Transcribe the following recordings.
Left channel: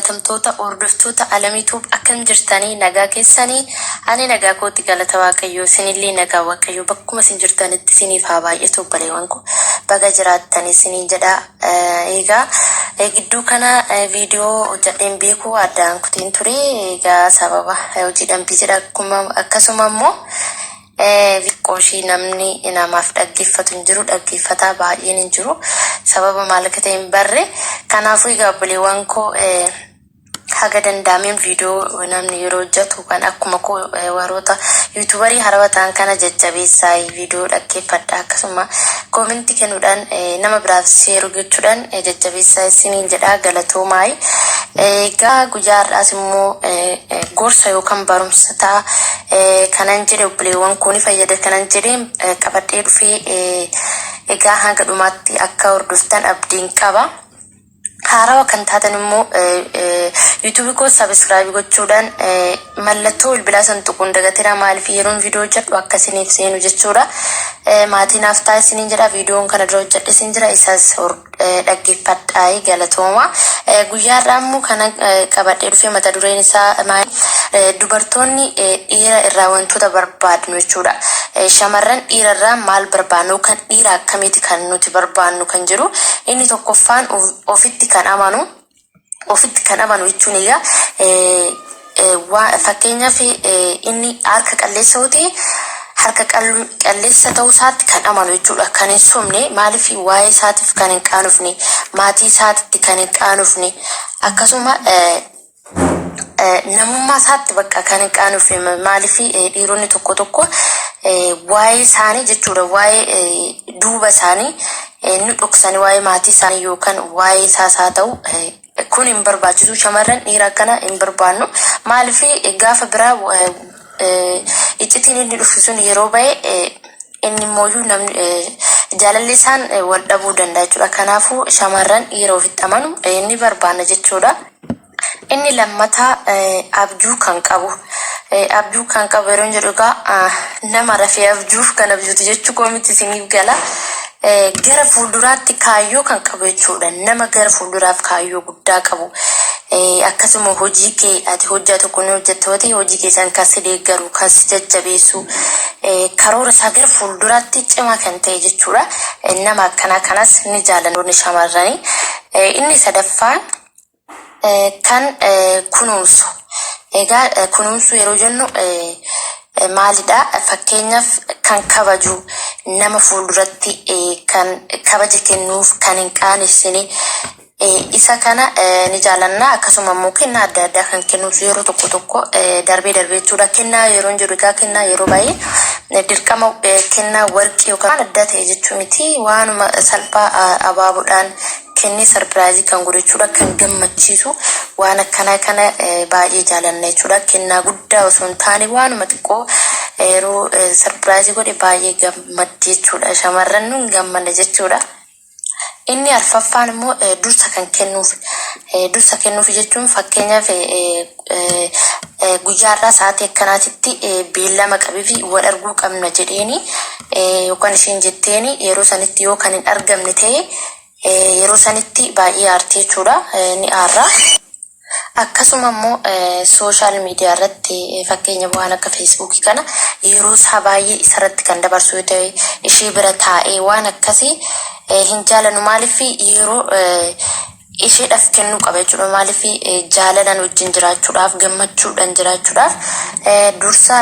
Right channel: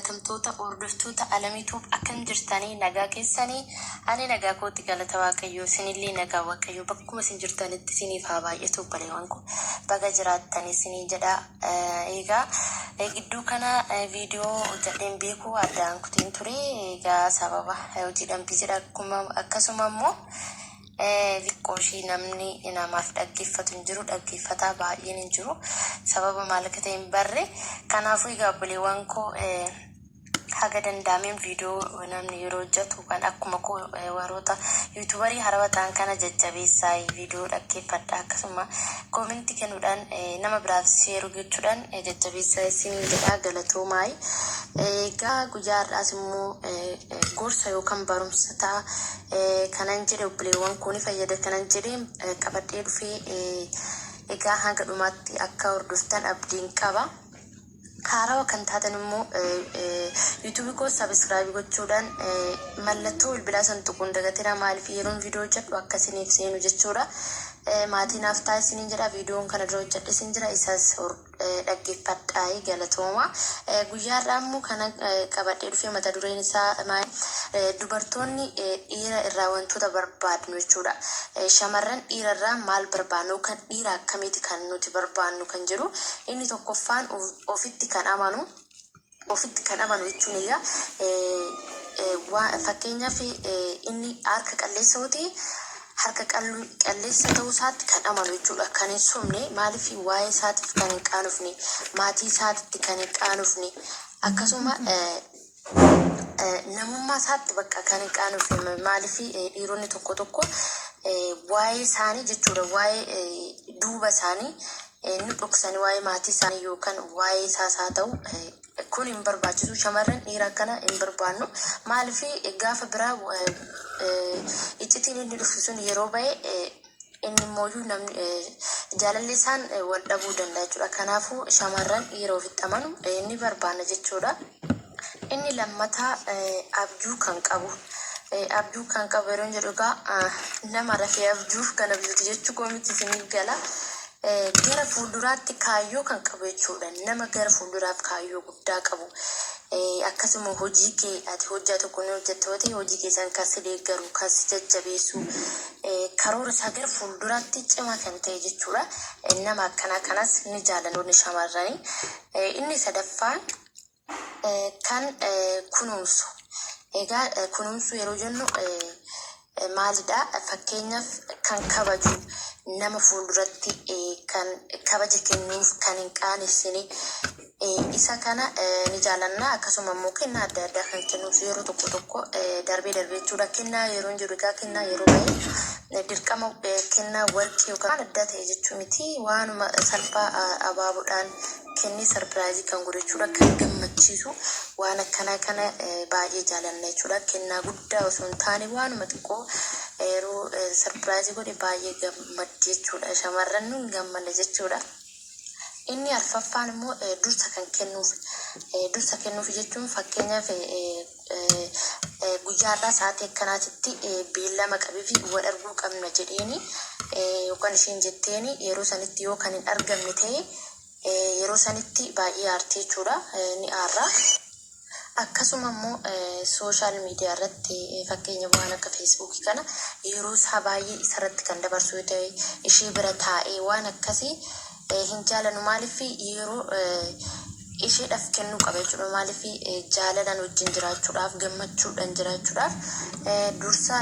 Tamtoota hordoftoota alamiituuf akkam jirtanii nagaa keessanii ani nagaa kootti galata waaqayyoo isinillee nagaa waaqayyoo bakkuma isin jirtanitti isiniif haa baay'atu obboleewwan koo baga jiraattanii isiniin jedha. Egaa gidduu kana viidiyoo hojjedheen beekuu addaan kutiin ture. Egaa sababa hojii dhambii jedha akkasuma immoo qoshii namni namaaf dhaggeeffatu hin jiru, dhaggeeffataa baay'een hin jiru, sababa maal akka ta'e hin barre. Kanaafuu egaa obboleewwan koo haga danda'ameen viidiyoo namni yeroo hojjetu kan akkuma koo warroota yuutuubarii haarawaa ta'an kana jajjabeessaa viidiyoo dhaggeeffadha, akkasuma koomentii kennuudhaan nama biraaf sheeruu gochuudhaan jajjabeessaa isiniin jedha. Galatoomaa. Egaa guyyaa har'aas immoo gorsa yookaan barumsa ta'a kanan jedhe obboleewwan koo ni fayyada kanan jedhe qabadhee dhufee egaa hanga dhumaatti akka hordoftan abdiin qaba. Haarawaa kan taatan immoo YouTube koo subscribe gochuudhaan mallattoo bilbilaa san tuquun dagatina, maaliif yeroon viidiyoo hojjedhu akka isiniif seenu jechuudha. Maatiin haftaa isiniin jedha, viidiyoon kana dura hojjedhe isin jira, isas dhaggeeffadhaa. Galatooma. Guyyaa har'aa immoo kana qabadhee dhufee mata dureen isaa dubartoonni dhiira irraa wantoota barbaadnu jechuudha. Shamarran dhiira irraa maal barbaadnu kan dhiira akkamitti kan nuti barbaadnu kan jiru. Inni tokkoffaan ofitti kan amanu jechuun egaa fakkeenyaaf inni harka qalleessa yoo ta'e harka qalleessa ta'uu isaatti kan amanu jechuudha. Kan hin somne, maaliif waa'ee isaatiif kan hin qaanofne, maatii isaatti kan hin qaanofne, akkasuma namummaa isaatti bakka kan hin qaanofne. Maaliif dhiironni tokko tokko waa'ee isaanii jechuudha, waa'ee duuba isaanii ni dhoksanii waa'ee maatii isaanii yookaan waa'ee isaas haa ta'u kun hin barbaachisu. Shamarran dhiira akkana hin barbaannu. Maaliif gaafa biraa iccitiin inni dhufu sun yeroo ba'e inni immoo namni jaalalli isaan wal dhabuu danda'a jechuudha. Kanaafuu shamarran dhiira ofitti amanu ni barbaanna jechuudha. Inni lammataa abjuu kan qabu. Abjuu kan qabu yeroo jedhu egaa nama rafee abjuuf kan abjuuti jechuu koo miti, isiniif gala. Gara fuulduraatti kaayyoo kan qabu jechuudha. Nama gara fuulduraaf kaayyoo guddaa qabu. Akkasuma hojii kee ati hojjaa tokko ni hojjetta yoo ta'e hojii keessan kan si deeggaru, kan si jajjabeessu, karoora isaa gara fuulduraatti cimaa kan ta'e jechuudha. Nama akkanaa kanas ni jaalannoonni shamarranii. Inni sadaffaan kan kunuunsu. Egaa kunuunsu yeroo jennu maalidha? Fakkeenyaaf kan kabaju, nama fuulduratti kan kabaja kennuuf, kan hin qaanessine isa kana ni jaalanna. Akkasuma immoo kennaa adda addaa kan kennuuf yeroo tokko tokko darbee jechuudha. Kennaa yeroo jedhu egaa kennaa yeroo baay'ee dirqama kennaa warqii yookaan adda ta'e jechuu miti. Waanuma salphaa abaaboodhaan kennee sarpiraayizii kan godhachuudha, kan gammachiisu waan akkanaa kana baay'ee jaalanna jechuudha. Kennaa guddaa osoo hin taane waanuma xiqqoo yeroo sarpiraayizii godhe baay'ee gammaddi jechuudha. Shamarran nu hin gammanne jechuudha. Inni arfaffaan immoo dursa kan kennuuf. Dursa kennuuf jechuun fakkeenyaaf guyyaa irraa sa'aatii akkanaatitti beellama qabee fi wal arguu qabna jedheeni yookaan isheen jetteeni yeroo sanitti yoo kan hin argamne ta'e yeroo sanitti baay'ee aartii jechuudha, ni aarra. Akkasuma immoo sooshaal miidiyaa irratti fakkeenya waan akka feesbuukii kana yeroo isaa baay'ee isarratti kan dabarsu yoo ta'e ishee bira taa'ee waan akkasii hin jaalannu. Maaliif yeroo isheedhaaf kennuu qaba jechuudha. Maaliif jaalalaan wajjin jiraachuudhaaf, gammachuudhaan jiraachuudhaaf dursa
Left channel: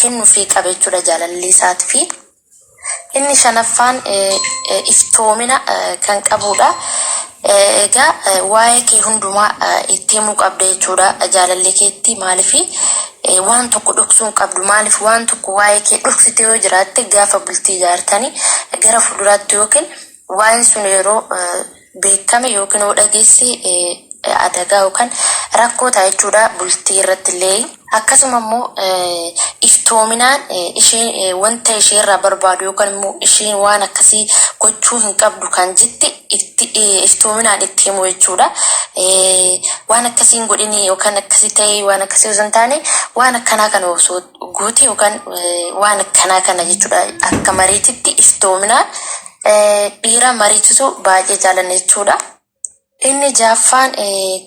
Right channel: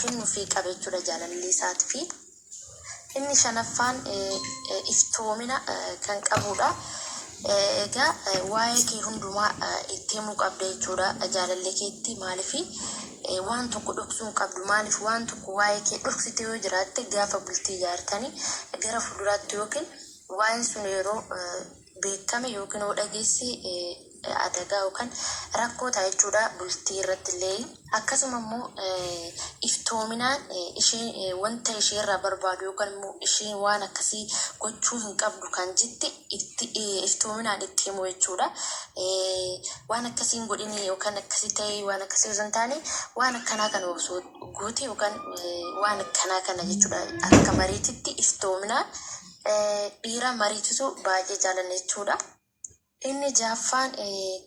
kennuufii qaba jechuudha jaalalli isaatiif. Inni shanaffaan iftoomina kan qabudha. Egaa waa'ee kee hundumaa itti himuu qabda jechuudha jaalalli keetti. Maaliif waan tokko dhoksuu hin qabdu. Maaliif waan tokko waa'ee kee dhoksite yoo jiraatte gaafa bultii ijaartanii gara fuulduraatti yookiin waa'een sun yeroo beekame yookiin yoo dhageesse adagaa yookaan rakkoo ta'a jechuudha bultii irratti illee. Akkasuma immoo iftoominaan isheen wanta ishee irraa barbaadu yookaan immoo isheen waan akkasii gochuu hin qabdu kan jetti iftoominaan itti himu jechuudha. Waan akkasii hin godhini yookaan akkasii ta'e waan akkasii osoo hin taane waan akkanaa kana osoo goote yookaan waan akkanaa kana jechuudha. Akka mariititti iftoominaan dhiira mariisisu baay'ee jaalanna jechuudha. Inni jaaffaan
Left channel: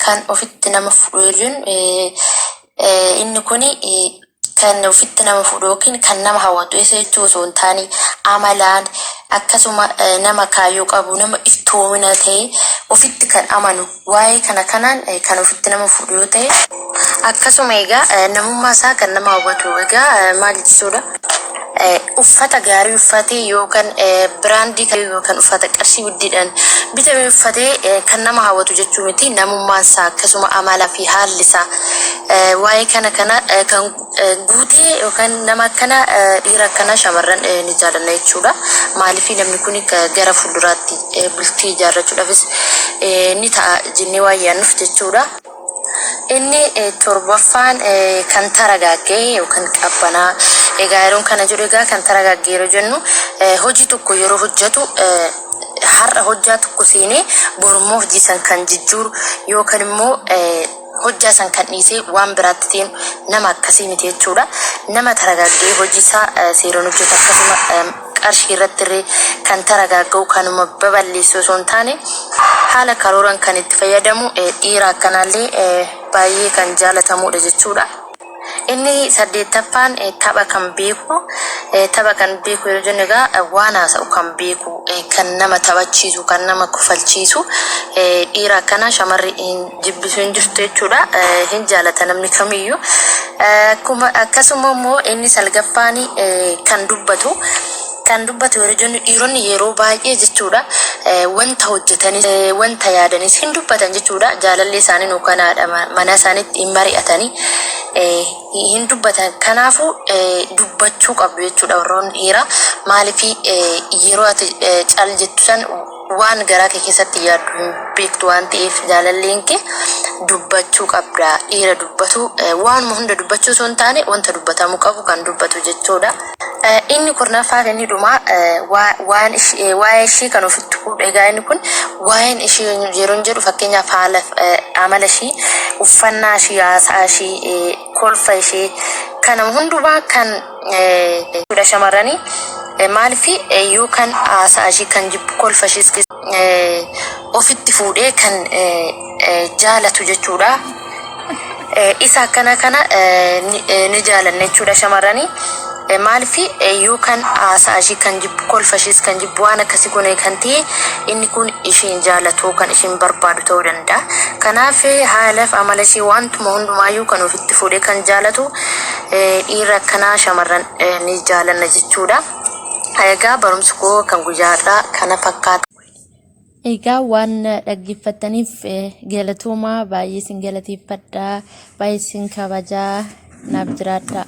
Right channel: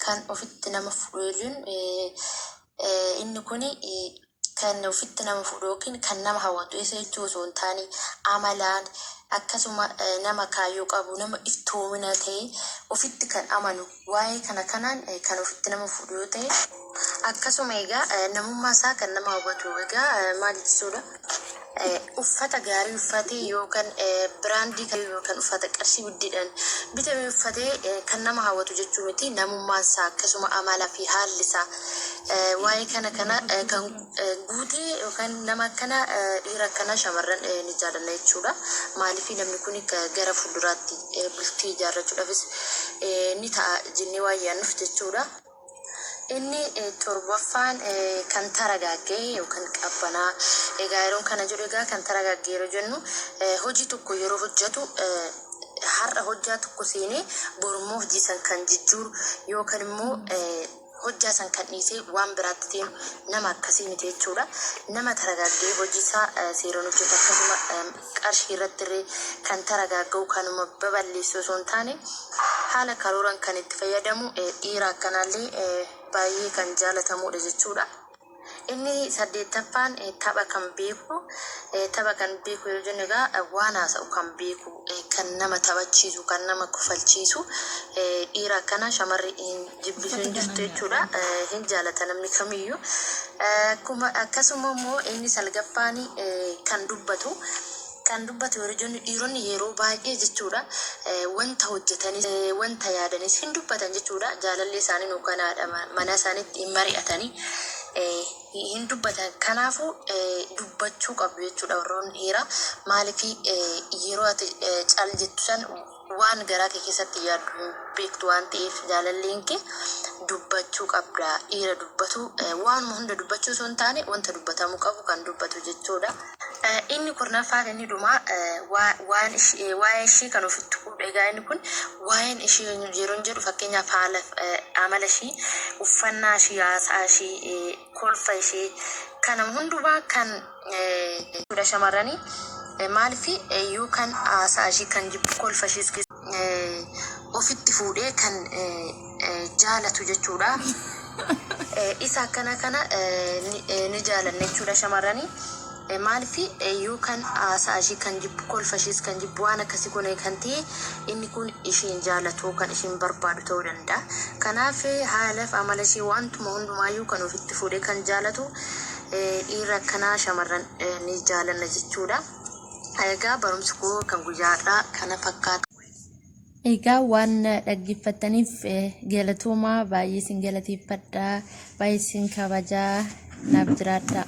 kan ofitti nama fudhu jechuun inni kuni kan ofitti nama fudhu yookiin kan nama hawwatu isa jechuu osoo hin taane amalaan akkasuma nama kaayyoo qabu nama iftoomina ta'e ofitti kan amanu waa'ee kanaan kan ofitti nama fudhu yoo ta'e akkasuma egaa namummaa isaa kan nama hawwatu egaa maal jechuudha. Uffata gaarii uffatee yookaan biraandii yookaan uffata qarshii guddiidhaan bitamee uffatee kan nama hawwatu jechuu miti namummaan isaa akkasuma amalaa fi haalli isaa waa'ee kana kan guutee yookaan nama akkana dhiira akkana shamarran ni jaalanna jechuudha. Maaliif namni kun gara fuulduraatti bultii ijaarrachuudhaafis ni ta'a jennee waa yaannuuf jechuudha. Inni torbaffaan kan taragaagee yookaan qabbanaa egaa yeroon kana jedhu egaa kan taragaagee yeroo jennu hojii tokko yeroo hojjetu har'a hojjaa tokko seenee borummoo hojii san kan jijjiiru yookaan immoo hojjaa san kan dhiisee waan biraatti ta'een nama akkasii miti jechuudha. Nama taragaagee hojii isaa seeraan hojjetu akkasuma qarshii irratti kan taragaaguu kanuma babal'eessu osoo hin taane haala karooran kan itti fayyadamu dhiira akkanaallee baay'ee kan jaalatamudha jechuudha. Inni saddeettaffaan tapha kan beeku yeroo jennu egaa waan haasa'u kan beeku kan nama taphachiisu kan nama kofalchiisu dhiira akkana shamarri jibbisu hin jirtu jechuudha. Hin jaalata namni kamiyyuu. Akkasuma immoo inni salgaffaan kan dubbatu yeroo jennu dhiironni yeroo baay'ee jechuudha wanta hojjetanis wanta yaadanis hin dubbatan jechuudha. Jaalallee isaanii nuukanaadha mana isaaniitti hin mari'atanii hin dubbatan. Kanaafuu dubbachuu qabdu jechuudha warroonni dhiiraa. Maaliif yeroo ati cal jettu san waan garaa kee keessatti yaaddu hin beektu waan ta'eef jaalalleen kee dubbachuu qabda. Dhiira dubbatu waanuma hunda dubbachuu osoo hin taane wanta dubbatamuu qabu kan dubbatu jechuudha. Inni kurnaffaa inni dhumaa waa'ee ishii kan ofitti fuudhu. Egaa inni kun waa'een ishii yeroo jedhu fakkeenyaaf haala amala ishii, uffannaa ishii, haasaa ishii, kolfa ishii kana hundumaa kan shamarranii maaliif yookaan haasaa ishii kan jibbu kolfa ishii ofitti fuudhee kan jaalatu jechuudha. Isa akkana ni jaalanna jechuudha shamarranii. Maaliif yookaan haasaa ishii kan jibbu kolfa ishii kan jibbu waan akkasii kun kan ta'e inni kun ishiin jaalatu kan ishiin barbaadu ta'uu danda'a. Kanaaf haalaaf amala ishii wantuma hundumaayyuu kan ofitti fuudhee kan jaalatu dhiira akkanaa shamarran ni jaalanna jechuudha. Egaa barumsi koo kan guyyaadhaa kana fakkaata. Egaa waan dhaggeeffataniif galatoomaa baay'ee sin galateeffadha baay'ee sin kabajaa naaf jiraadha.